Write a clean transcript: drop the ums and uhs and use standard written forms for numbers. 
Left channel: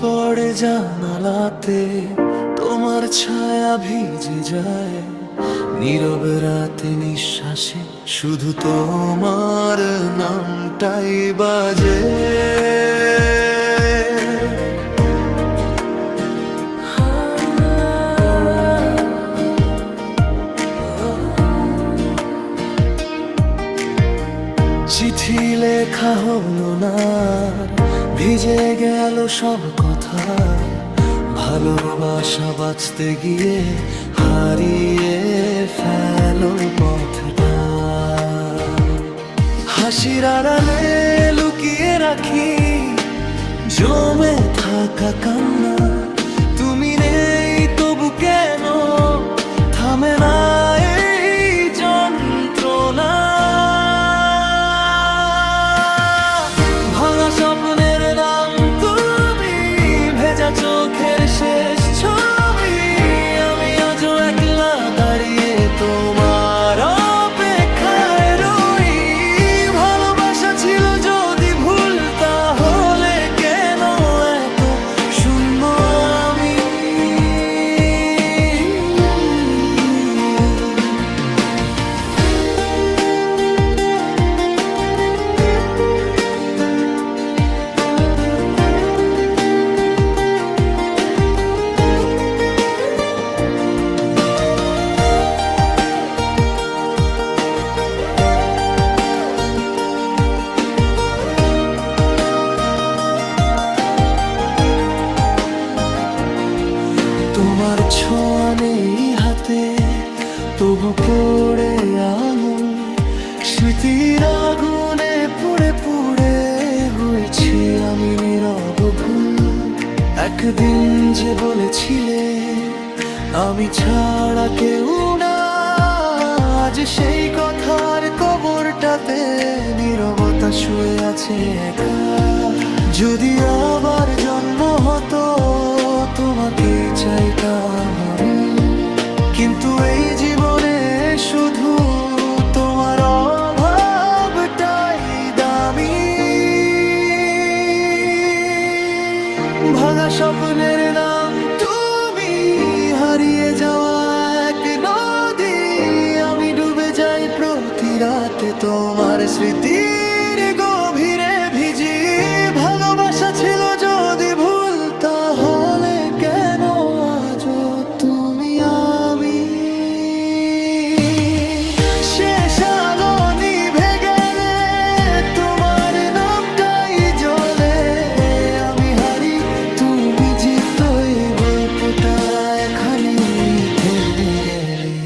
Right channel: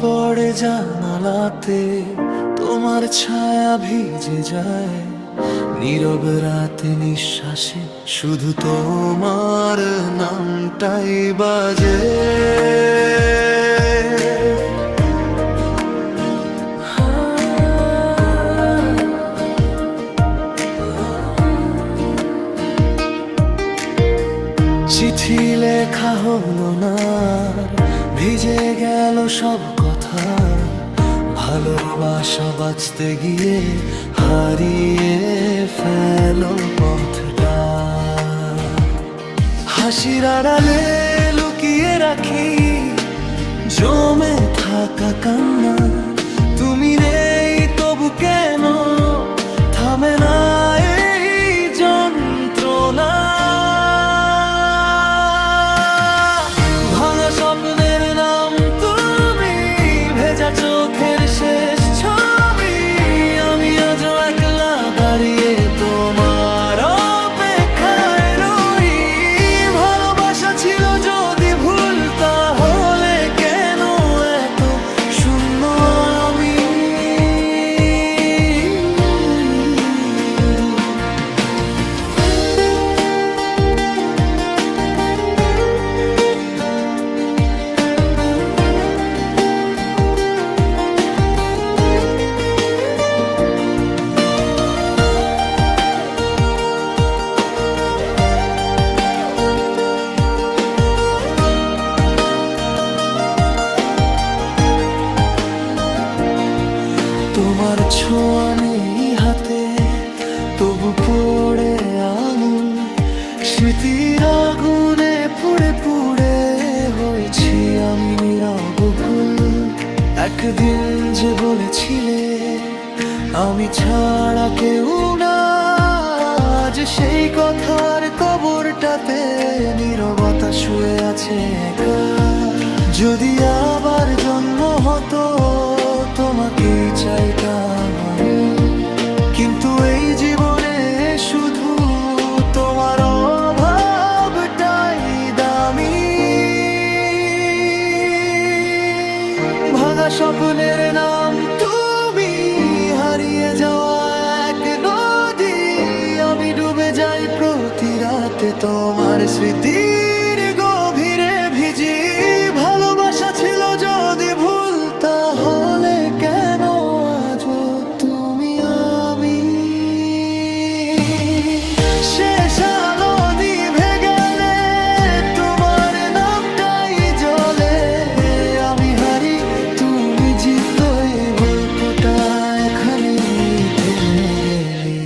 পড়ে জানালাতে, তোমার ছায়া ভিজে যায় নীরব রাতে নিঃশ্বাসে, শুধু তোমার নামটাই বাজে। চিঠি লেখা হলো না, ভিজে গেল সব কথা, ভালোবাসা বাঁচতে গিয়ে হারিয়ে ফেলো পথটা। হাসির আড়ালে লুকিয়ে রাখি জমে থাকা কান্না, তুমি নেই তবু কেন থামে না এই যন্ত্রণা। ভাঙা স্বপ্নের নাম তুমি, ভেজা চোখের শেষ ছবি, আমি আজও একলা দাঁড়িয়ে তোমার অপেক্ষায় রই। ভালোবাসা ছিল যদি ভুল, তাহলে কেন এত শূন্য আমি? তোমার ছোঁয়া নেই হাতে, তবু পড়ে আঙুল, স্মৃতির আগুনে পুড়ে পুড়ে হয়েছি আমি নীরব ভুল। একদিন যে বলেছিলে আমি ছাড়া কেউ না, আজ সেই কথার কবরটাতে নীরবতা শুয়ে আছে একা। যদি আবার জন্ম হতো তোমাকেই চাইতাম আমি, কিন্তু এই জীবনে শুধু তোমার অভাবটাই দামি। ভাঙা স্বপ্নের নাম তুমি, হারিয়ে যাওয়া এক নদী, আমি ডুবে যাই প্রতি রাতে তোমার স্মৃতির গভীরে ভিজি। ভালোবাসা ছিল যদি ভুল, তাহলে কেন আজও তুমি আমি? শেষ আলো নিভে গেলে তোমার নামটাই জ্বলে, আমি হারি তুমি জিতো, এই গল্পটা এখানেই থেমে গেলে।